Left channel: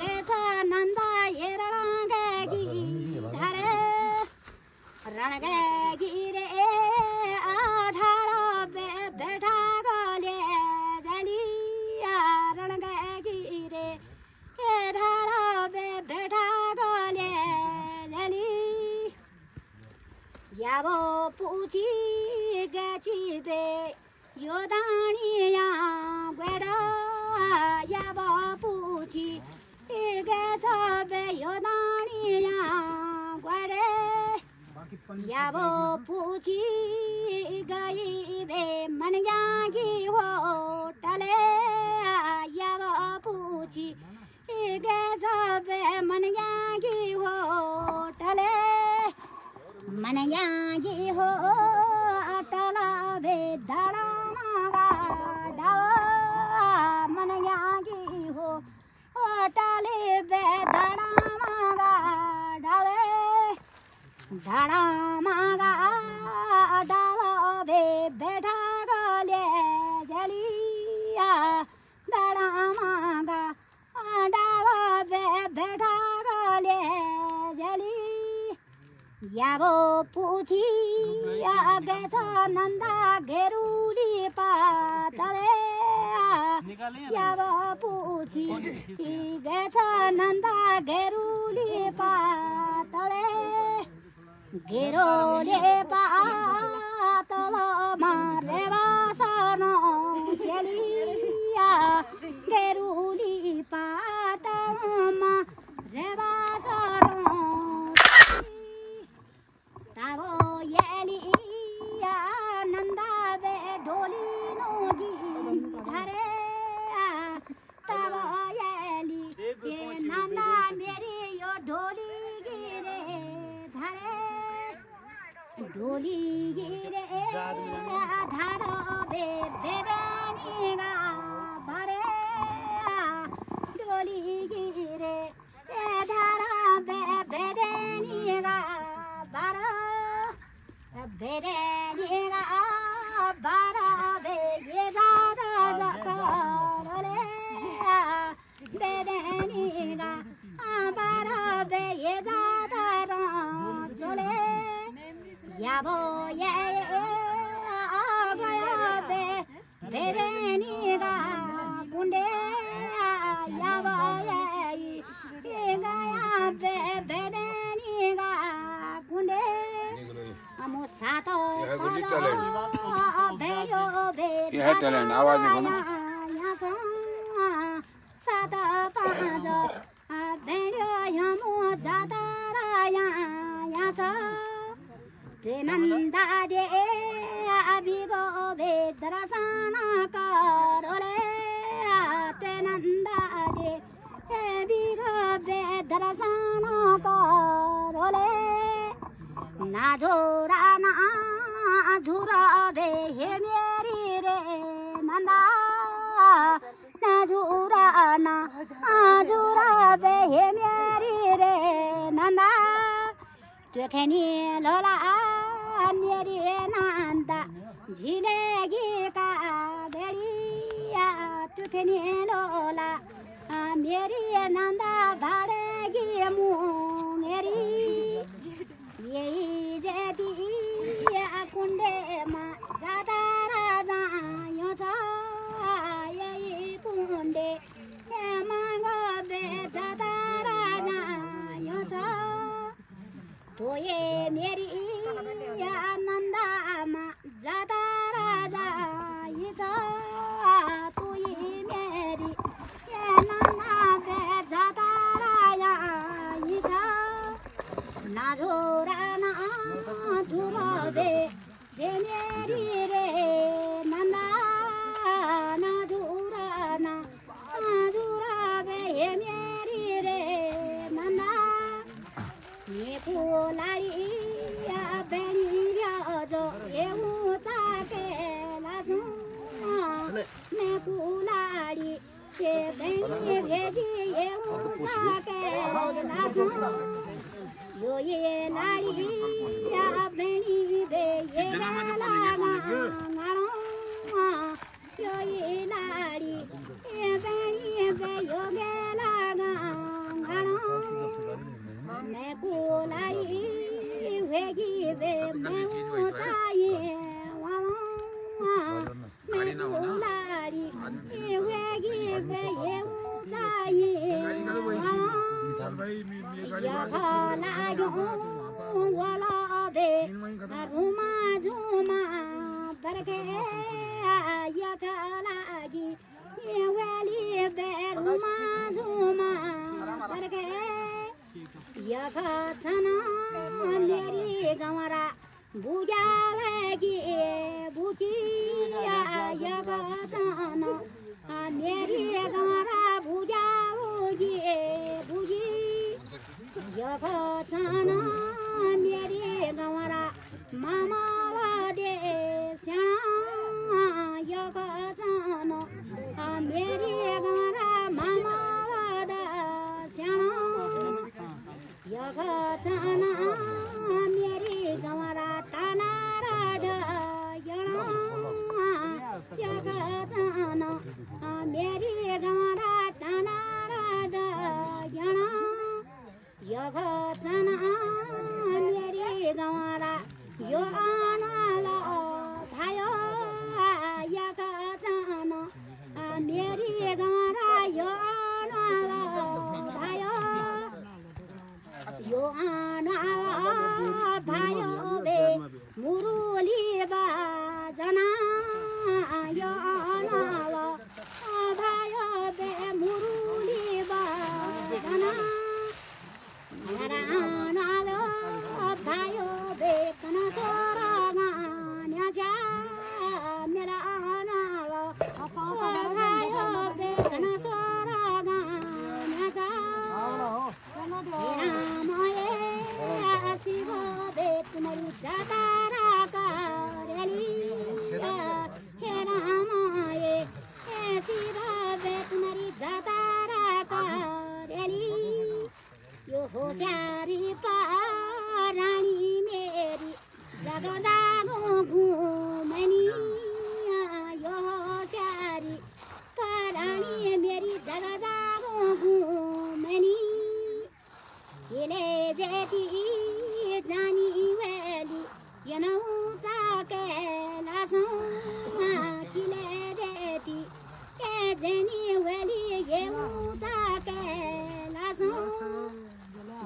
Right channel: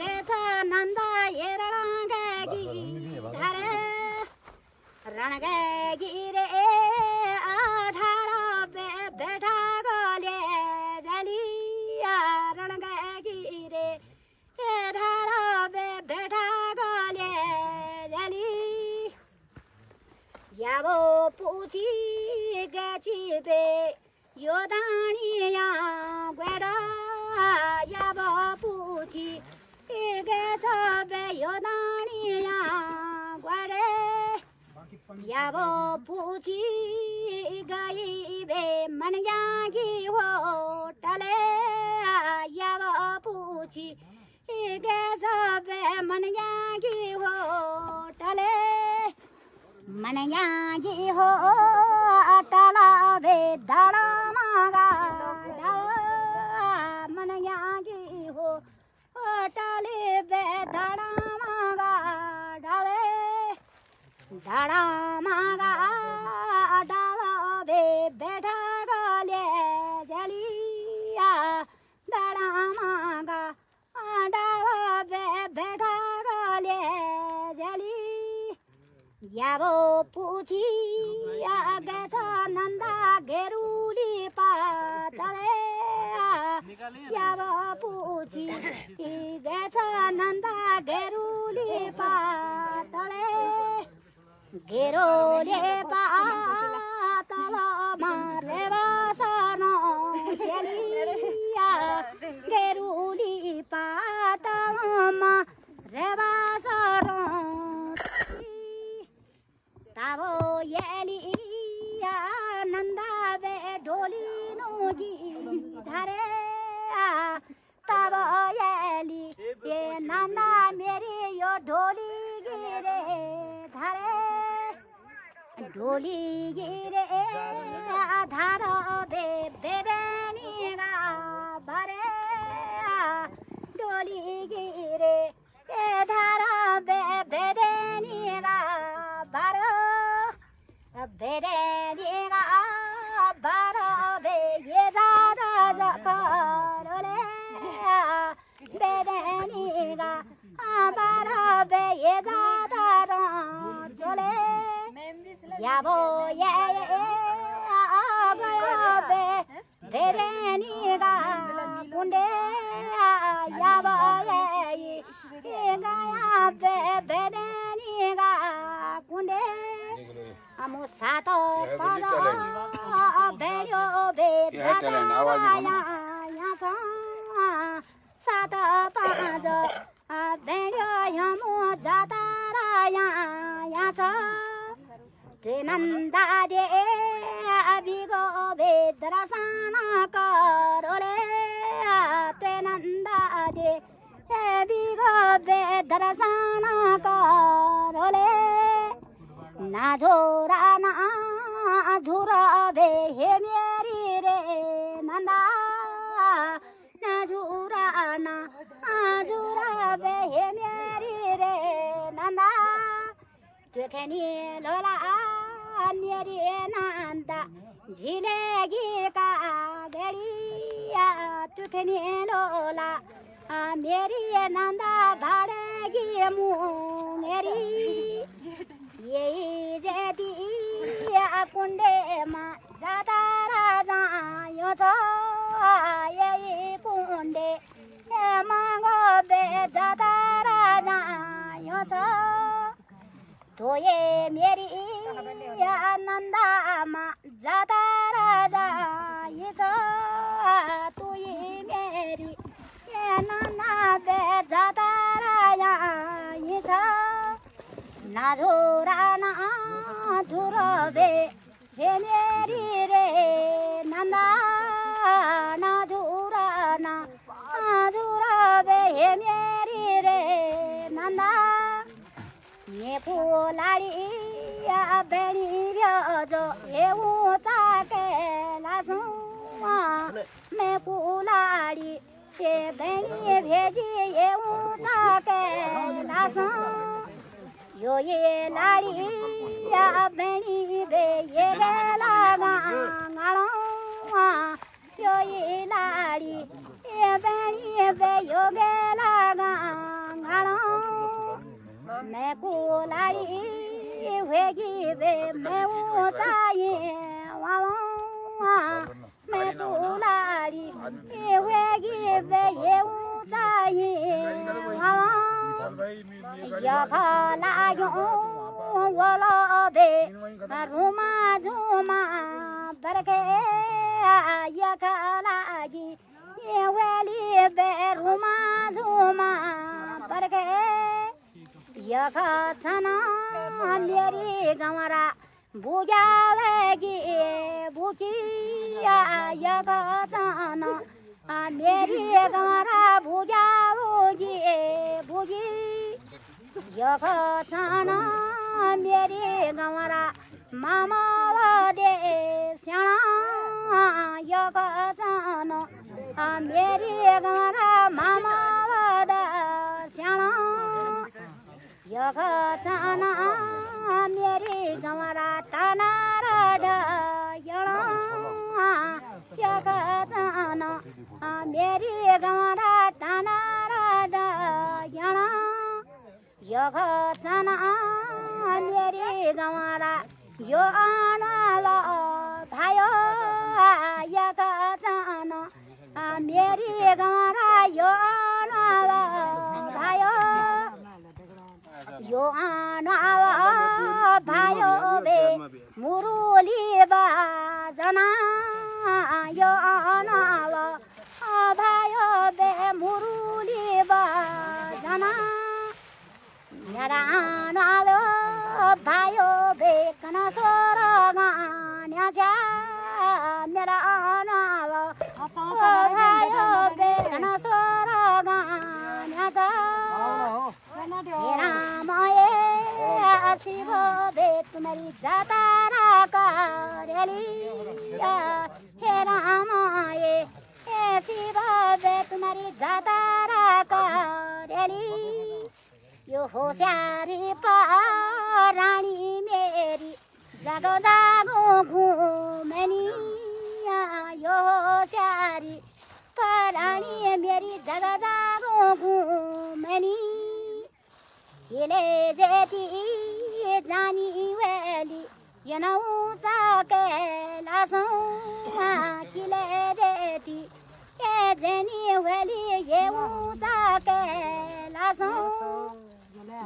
गेछ नन्दा हेरणगी धारे रणगी रे आधार बेठा गले जलिया रणगी रे धार बेठा गले जली याबो पुची गची बे यो दानिया गडा याबो पुची गछ बे यो दानिया गडे याबो पुची गई बे मनयागी हो टले याबो पुची गछ बे मनयागी हो टले मनयागी हो टला बे धड़ा मागा मनयागी हो टाले बे धड़ा मागा डाले धड़ा मागा डाला बे बैठा गले जलिया धड़ा मागा डाला बे बैठा गले जली याबो पुची गेछ नन्दा घेरुली पातले याबो पुची गेछ नन्दा घेरुली पातले घेरोले पातल मारेवा सनो चलिया घेरुली पातलमा रेवा सनो ताबो येलिया नन्दा बे ढोली नोगी धारे ताबो येली ये नन्दा मेरी यो ढोली गिरे धारे ढोली गिरे धार बे बेबेनी गा भरे ढोली गिरे धार बे बेबेनी गा बारो बेरेनिगा बारो बे ये दादा जकरोले बेरेनिगा बारो बे ये दादा रंजोले याबो ये गयो बे बेरेनिगा कुंडे याबो ये गया बे बेरेनिगा कुंडे अमु सातो पालो बेयो बे यहाँ सातो पाँच बेयो यमु जातारा यहाँ छ नन्दा दे बिगो बे दरसाना करोले नन्दा दे बिगो बे दरसाना करोले नाझोरा ना झुरा बे हे मेरी रे नंदा नाझुरा ना झुरा बे हे मेरी रे नंदा तुखेनी लोला मेरी नंदा झिलेगी का बेड़िया तुखेनी लोला मेरी नंदा भाड़ेगी मुँह मेरी यही जेदी कुंडे मा जाता राजा यो छ यही कुंडे मांगो बे जाता राजा यो छ तो ये मेरी नंदा मा जाता राजा ये छ तो ये मेरी नंदा बे जाता राजा ये छ नाझोरा ना झुरो बे हे मेरी रे नंदा नाझोरा ना झुरो बे हे मेरी रे नंदा ये फुलाडी या बेनी जो हे ऊंचा के लासू मैं फुलाडी ये बेनी भेजी ये ऊंचा के लासू यो ये लाड़ी या बेनी बे ये लागा गाड़ो यो ये लाड़ी ये बेनी बे यो गे लागा मैं कुलाड़ी वेगी बे मैं ऊंचाई वालों मैं कुलाड़ी वेगी बे ये ऊंचाई वालों या भाला यूं वाला बे रुमा झुमा बरके या खालागी ये वाली बे रुमा झुमा बरके या खाना मेरी गमरा बुझा वेगी बुकिया या खाना मेरी गमरा बुझा होगी बुझी या खाना मेरी गमरा मामा दे श्याणा या खाना मेरी गमरा मामा दा श्याणा या खाना मेरी गमरा टाना राडा यणा या खाना मेरी गमरा टाना राडा यणा या खाना मेरी गमरा यो आनाला भायो या खाना मेरी गमरा यो आनाला भायो यो आनाला भायो बे मुरुली बाजना यो आनाला भायो बे मुरुली बाजना मेरा आनाला भायो बे कना सोरगा न्याजा मेरा आनाला भायो बे कना सोरगा न्याजा मेरा माये शिव बे तुम्हारी जातारा करेलिया हे रामाये शिव बे तुम्हारी जातारा करेली यो होशियारी रानी मेरी जागो जागो घूमनी यो होशियारी रानी मेरी जागो जागो घूमनी हिले जेती जानी वेली ये नौचा के लासों हिले जेती ये जनी वेली ये ऊंचा के लासों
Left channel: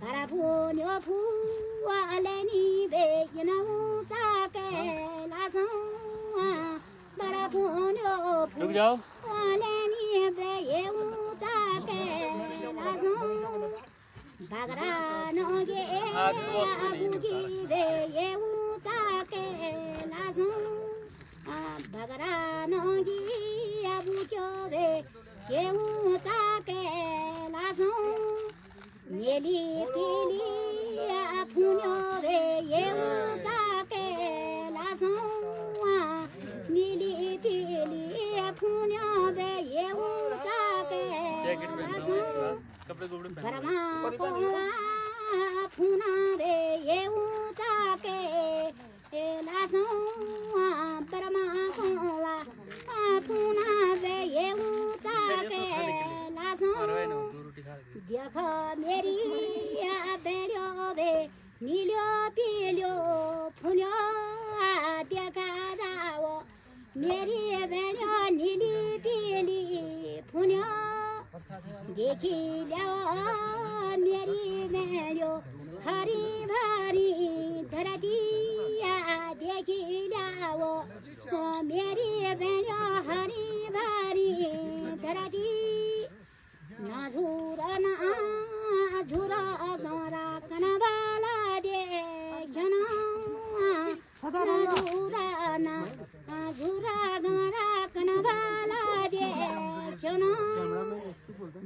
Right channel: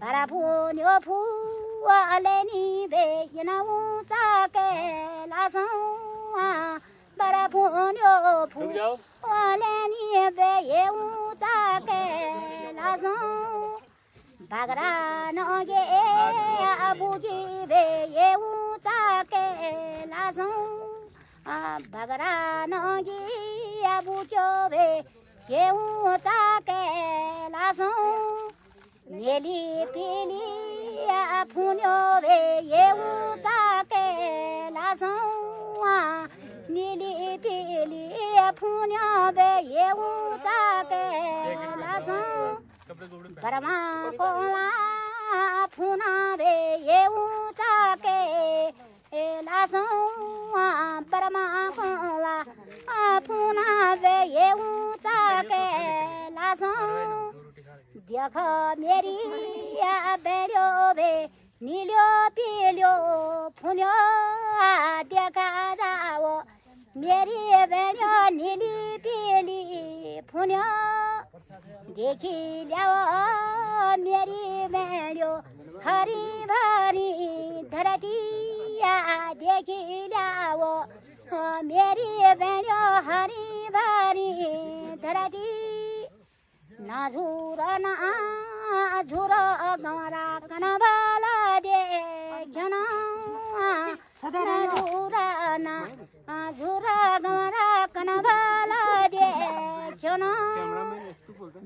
bara punyo pu aleni be yena ucha ke la son bara punyo pu aleni be ye ucha ke la son bagra no ge abuji be ye ucha ke la son bagra no ge abujo be ye ucha ke la son Neli pili apunyo be ye ucha ke la son Neli pili apunyo be ye ucha ke la son Parama kola apuna be ye ucha ke la son Parama kola apuna be ye ucha ke la son देखो मेरी बेड़ो बे नीलो पीलो फुनो देखा जाओ मेरी बेड़ो नीली पीली फुनो देखी जाओ मेरी बेड़ो हरी भरी धरती देखी जाओ मेरी बेड़ो हरी भरी धरती ना झूरा ना झूरा गमरा कनवाला दे घना ना झूरा ना झूरा गमरा कनवाला दे घना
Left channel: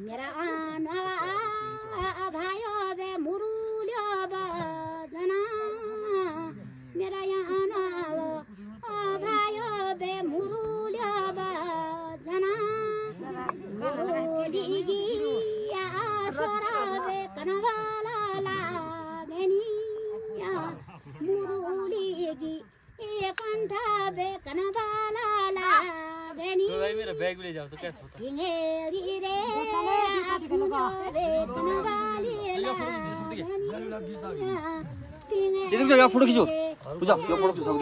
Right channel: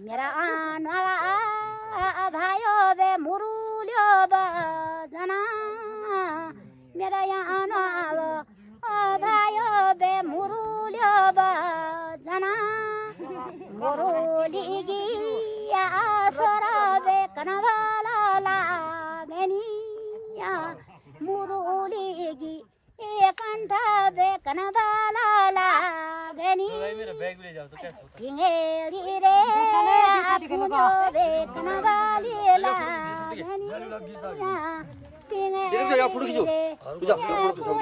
मेरा आनवाला भायो बे मुरुलियो बजना मेरा आनवाला भायो बे मुरुलियो बजना मुरुलिगी सोराबे कनवाला लागनी मुरुलिगी कंठा बे कनवाला लागनी बैग ले जाओ तो कैसे होता है रे फूलो बे कनवाली लागनी फोटो खिचो बुझा फोटो तो सब